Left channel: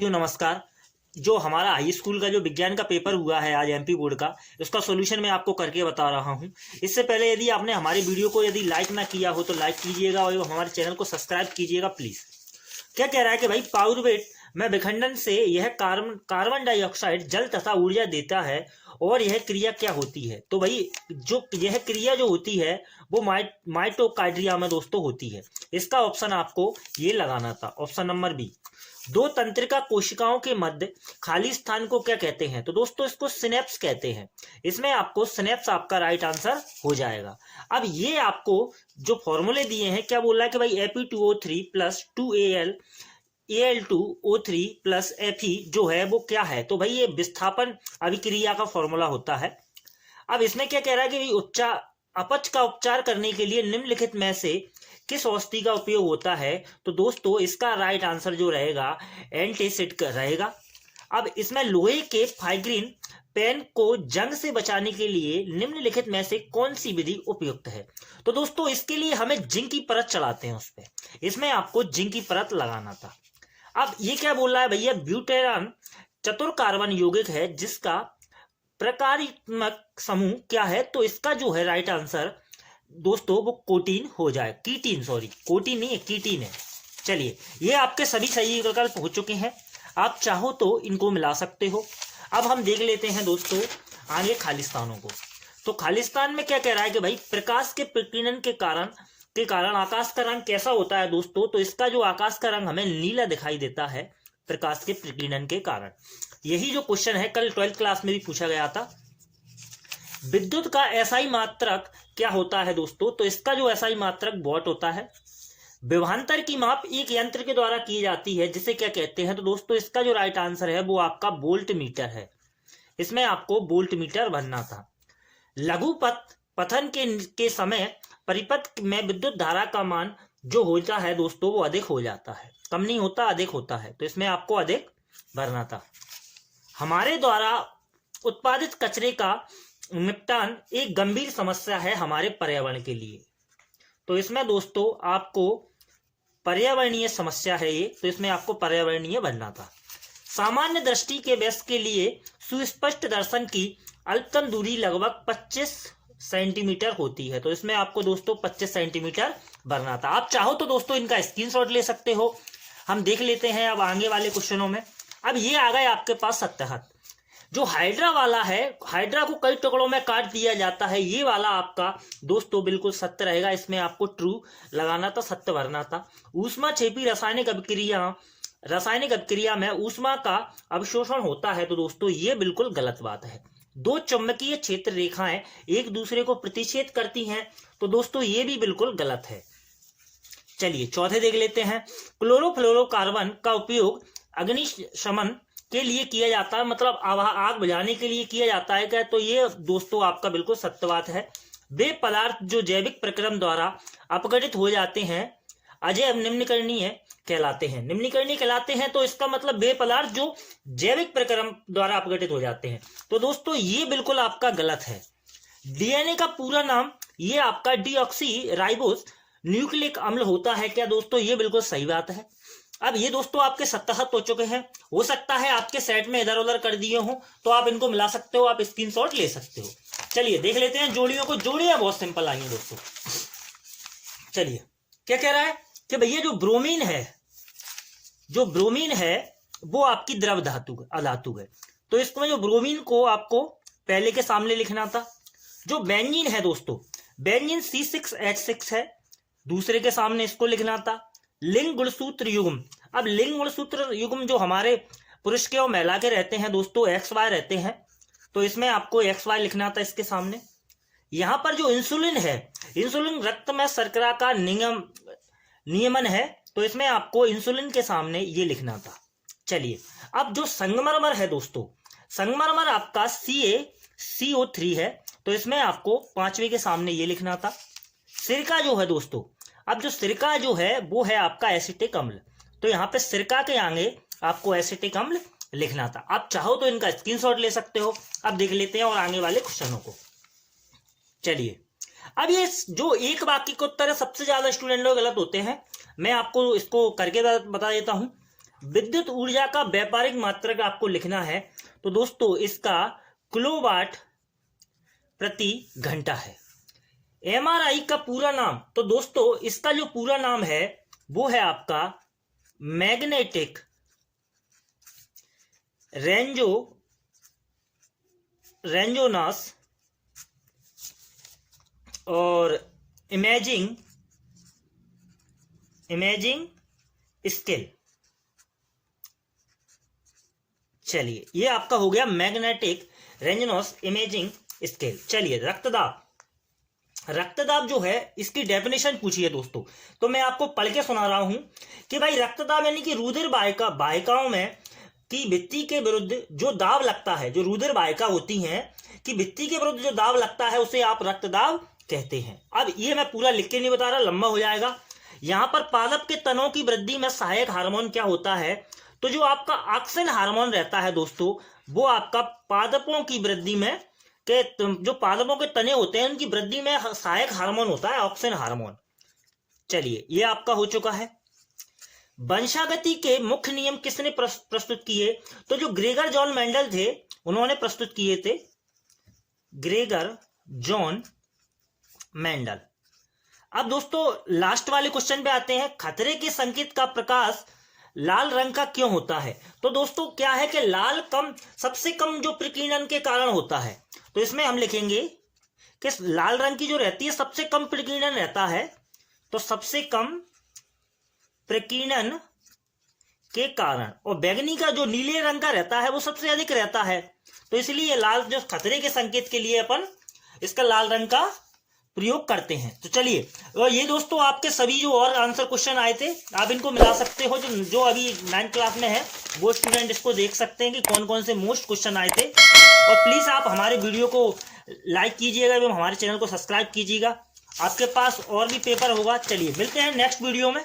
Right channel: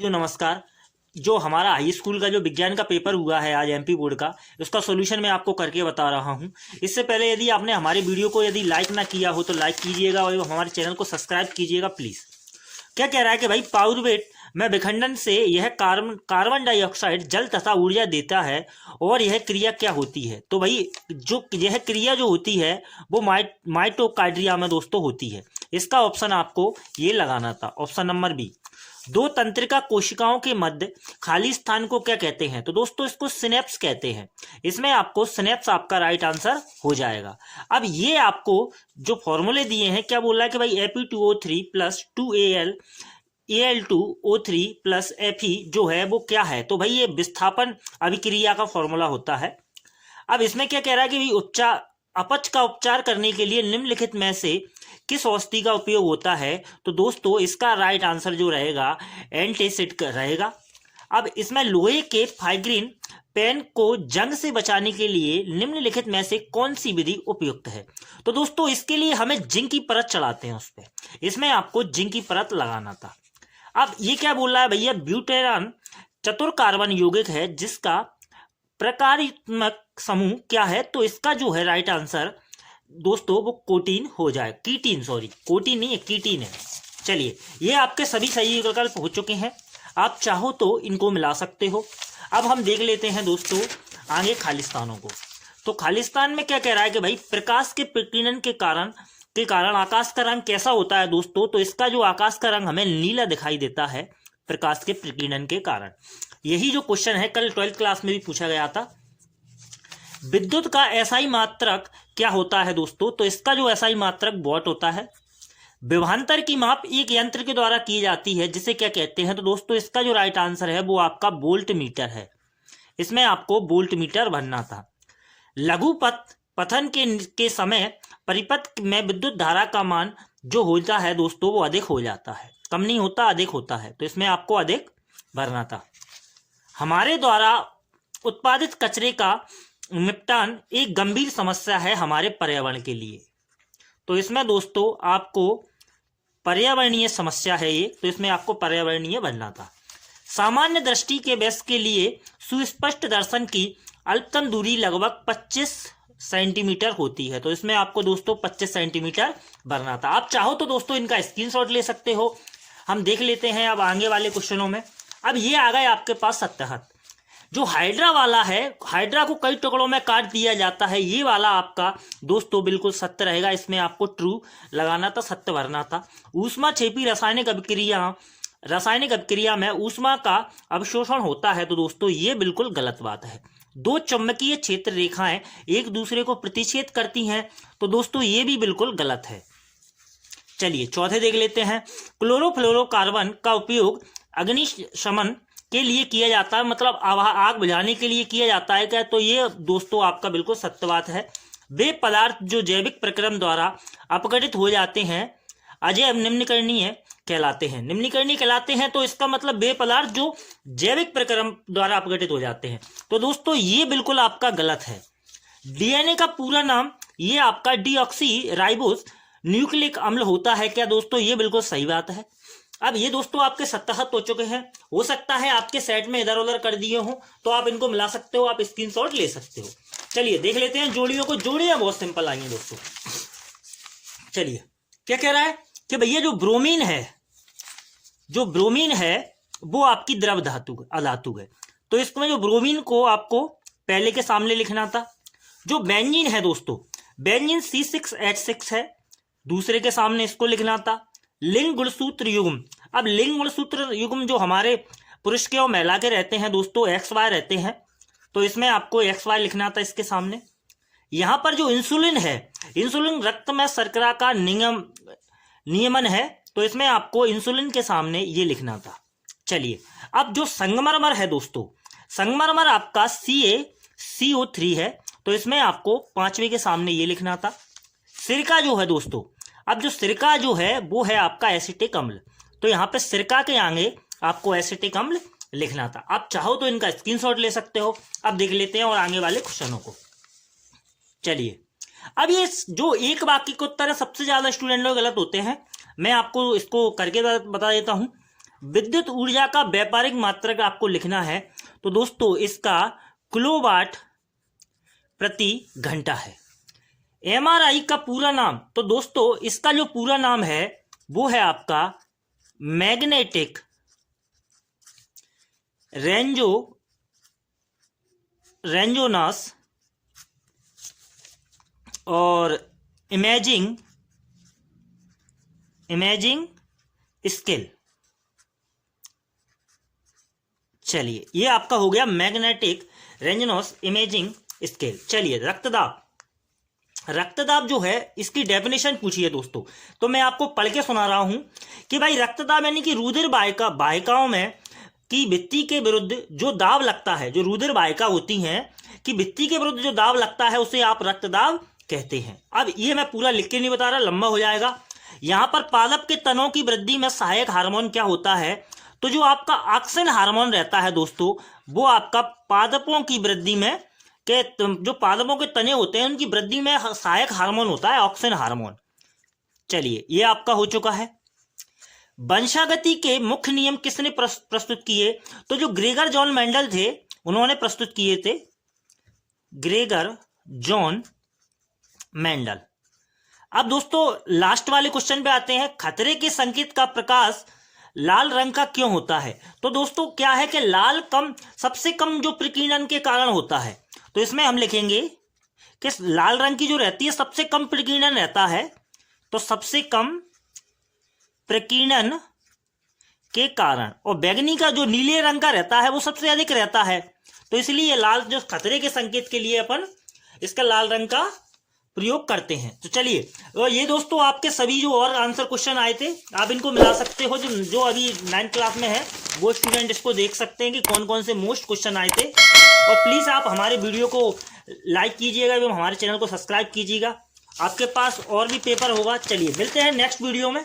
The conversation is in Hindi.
नमस्कार। जो हमारा हाई स्कूल का जो विज्ञान का पेपर हुआ है आज एमपी बोर्ड का, उसका सॉल्यूशन मैं आपको करके बता रहा हूं। इससे पहले यदि आपने हमारी वीडियो को यदि लाइक ना किया हो तो लाइक कीजिएगा और हमारे चैनल को सब्सक्राइब कीजिएगा प्लीज़। क्या कह रहा है कि भाई पाउरुवेट में विखंडन से यह कार्बन डाइऑक्साइड जल तथा ऊर्जा देता है और यह क्रिया क्या होती है। तो भाई जो यह क्रिया जो होती है वो माइटोकांड्रिया में दोस्तों होती है। इसका ऑप्शन आपको ये लगाना था, ऑप्शन नंबर बी। दो तंत्रिका कोशिकाओं के मध्य खाली स्थान को क्या कहते हैं? तो दोस्तों इसको सिनेप्स कहते हैं। इसमें आपको सिनेप्स आपका राइट आंसर हो जाएगा। अब ये आपको जो फॉर्मूले दिए हैं, क्या बोल रहा है कि भाई Fe2O3 plus 2Al Al2O3 plus Fe जो है वो क्या है? तो भाई ये विस्थापन अभिक्रिया का फॉर्मूला होता है। अब इसमें क्या कह रहा है कि भाई अपच का उपचार करने के लिए निम्नलिखित में से किस औषधि का उपयोग होता है? तो दोस्तों इसका राइट आंसर जो रहेगा एंटासिड का रहेगा। अब इसमें लोहे के फाइग्रीन पेन को जंग से बचाने के लिए निम्नलिखित में से कौन सी विधि उपयुक्त है? तो दोस्तों इसके लिए हमें जिंक की परत चढ़ाते हैं उस पर। इसमें आपको जिंक की परत लगाना था। अब ये क्या बोल रहा है भैया? ब्यूटेरॉन चतुर कार्बन यौगिक है जिसका प्रकारात्मक समूह क्या है? तो इसका जो है राइट आंसर दोस्तों वो कोटीन हो जाए, कीटीन, सॉरी कोटीन नहीं है, कीटीन है। चलिए ये आपके सभी सही विकल्प हो चुके हैं। आप चाहो तो इनको मिला सकते हो। अब हम देख लेते हैं दोस्तों आगे खालिस्तानों को। तो खालिस्तान में क्या कह रहा है कि भाई प्रकाश के प्रकीर्णन के कारण आकाश का रंग कैसा होता है दोस्तों? तो इसका जो आकाश का रंग हमें नीला दिखाई देता है प्रकाश के प्रकीर्णन के कारण। यही जो क्वेश्चन है कल 12th क्लास में भी पूछा गया था। विद्युत का एसआई मात्रक क्या होता है दोस्तों? तो इसका जो एसआई मात्रक वॉट होता है। विभवांतर की माप एक यंत्र के द्वारा की जाती है जिसे क्या कहते हैं? तो दोस्तों इसका जो राइट आंसर है वो आपका वोल्ट मीटर है। इसमें आपको वोल्ट मीटर बनना था। लघु पथन के समय परिपथ में विद्युत धारा का मान जो होता है दोस्तों वो अधिक हो जाता है, कम नहीं होता, अधिक होता है। तो इसमें आपको अधिक भरना था। हमारे द्वारा उत्पादित कचरे का निपटान एक गंभीर समस्या है हमारे पर्यावरण के लिए। तो इसमें दोस्तों आपको पर्यावरणीय समस्या है ये, तो इसमें आपको पर्यावरणीय बनना था। सामान्य दृष्टि के वयस्क के लिए सुस्पष्ट दर्शन की अल्पतम दूरी लगभग 25 सेंटीमीटर होती है। तो इसमें आपको दोस्तों 25 सेंटीमीटर भरना था। आप चाहो तो दोस्तों इनका स्क्रीनशॉट ले सकते हो। हम देख लेते हैं अब आगे वाले क्वेश्चनों में। अब ये आ गए आपके पास सत्याहत। जो हाइड्रा वाला है, हाइड्रा को कई टुकड़ों में काट दिया जाता है, ये वाला आपका दोस्तों बिल्कुल सत्य रहेगा। इसमें आपको ट्रू लगाना था, सत्य भरना था। ऊष्मा छेपी रासायनिक अभिक्रिया में ऊष्मा का अवशोषण होता है। तो दोस्तों ये बिल्कुल गलत बात है। दो चुंबकीय क्षेत्र रेखाएं एक दूसरे को प्रतिच्छेद करती हैं। तो दोस्तों ये भी बिल्कुल गलत है। चलिए चौथे देख लेते हैं। क्लोरोफ्लोरोकार्बन का उपयोग अग्निशमन के लिए किया जाता है, मतलब आग बुझाने के लिए किया जाता है क्या? तो ये दोस्तों आपका बिल्कुल सत्य बात है। वे पदार्थ जो जैविक प्रक्रम द्वारा अपघटित हो जाते हैं अजैव निम्नकरणीय कहलाते हैं। निम्नकरणीय कहलाते हैं तो इसका मतलब वे पदार्थ जो जैविक प्रक्रम द्वारा अपघटित हो जाते हैं। तो दोस्तों ये बिल्कुल आपका गलत है। डीएनए का पूरा नाम ये आपका डीऑक्सी राइबोस न्यूक्लिक अम्ल होता है क्या? दोस्तों ये बिल्कुल सही बात है। अब ये दोस्तों आपके 77 हो चुके हैं। हो सकता है आपके सेट में इधर उधर कर दिए हो, तो आप इनको मिला सकते हो, आप स्क्रीनशॉट ले सकते हो। चलिए देख लेते हैं जोड़ियों को। जोड़ियां बहुत सिंपल आई हैं दोस्तों। चलिए क्या कह रहा है कि भैया जो ब्रोमीन है वो आपकी द्रव अधातु है। तो इसमें जो ब्रोमीन को आपको पहले के सामने लिखना था। जो बेंजीन है दोस्तों, बेंजीन C6H6 है, दूसरे के सामने इसको लिखना था। लिंग गुणसूत्र युग्म, अब लिंग गुणसूत्र युग्म जो हमारे पुरुष के और महिला के रहते हैं दोस्तों XY रहते हैं। तो इसमें आपको XY लिखना था इसके सामने। यहां पर जो इंसुलिन है, इंसुलिन रक्त में शर्करा का नियमन है। तो इसमें आपको इंसुलिन के सामने ये लिखना था। चलिए अब जो संगमरमर है दोस्तों, संगमरमर आपका CaCO3 है। तो इसमें आपको 5वें के सामने ये लिखना था। सिरका जो है दोस्तों, अब जो सिरका जो है वो है आपका एसिटिक अम्ल। तो यहाँ पे सिरका के आगे आपको एसिटिक अम्ल लिखना था। आप चाहो तो इनका स्क्रीनशॉट ले सकते हो। अब देख लेते हैं और आगे वाले क्वेश्चनों को। चलिए अब ये जो एक वाक्य के उत्तर है सबसे ज्यादा स्टूडेंट लोग गलत होते हैं। मैं आपको इसको करके बता देता हूं। विद्युत ऊर्जा का व्यापारिक मात्रक आपको लिखना है, तो दोस्तों इसका किलोवाट प्रति घंटा है। एमआरआई का पूरा नाम, तो दोस्तों इसका जो पूरा नाम है वो है आपका मैग्नेटिक रेजोनेंस और इमेजिंग स्केल। चलिए ये आपका हो गया मैग्नेटिक रेजोनेंस इमेजिंग स्केल। चलिए रक्तदाब जो है इसकी डेफिनेशन पूछी है दोस्तों, तो मैं आपको पढ़ के सुना रहा हूं कि भाई रक्तदाब यानी कि रुधिर वाहिकाओं में की भित्ति के विरुद्ध जो दाब लगता है, जो रुधिर वाहिका होती हैं कि भित्ति के विरुद्ध जो दाब लगता है उसे आप रक्तदाब कहते हैं। अब ये मैं पूरा लिख के नहीं बता रहा, लंबा हो जाएगा। यहां पर पादप के तनों की वृद्धि में सहायक हार्मोन क्या होता है, तो जो आपका ऑक्सिन हार्मोन रहता है दोस्तों, वो आपका पादपों की वृद्धि में के जो पादपों के तने होते हैं उनकी वृद्धि में सहायक हार्मोन होता है ऑक्सिन हार्मोन। चलिए ये आपका हो चुका है। वंशागति के मुख्य नियम किसने प्रस्तुत किए, तो जो ग्रेगर जॉन मेंडल थे उन्होंने प्रस्तुत किए थे, ग्रेगर जॉन मेंडल। अब दोस्तों लास्ट वाले क्वेश्चन पे आते हैं, खतरे के संकेत का प्रकाश लाल रंग का क्यों होता है। तो दोस्तों क्या है कि लाल सबसे कम जो प्रकीर्णन के कारण होता है, तो इसमें हम लिखेंगे कि लाल रंग की जो रहती है सबसे कम प्रकीर्णन रहता है, तो सबसे कम प्रकीर्णन के कारण, और बैगनी का जो नीले रंग का रहता है वो सबसे अधिक रहता है, तो इसलिए लाल जो खतरे के संकेत के लिए अपन इसका लाल रंग का प्रयोग करते हैं। तो चलिए, और ये दोस्तों आपके सभी जो और आंसर क्वेश्चन आए थे आप इनको मिला सकते हो, जो अभी 9th क्लास में है वो स्टूडेंट इसको देख सकते हैं कि कौन कौन से मोस्ट क्वेश्चन आए थे। और प्लीज आप हमारे वीडियो को लाइक कीजिएगा एवं हमारे चैनल को सब्सक्राइब कीजिएगा, आपके पास और भी पेपर होगा। चलिए मिलते हैं नेक्स्ट वीडियो में।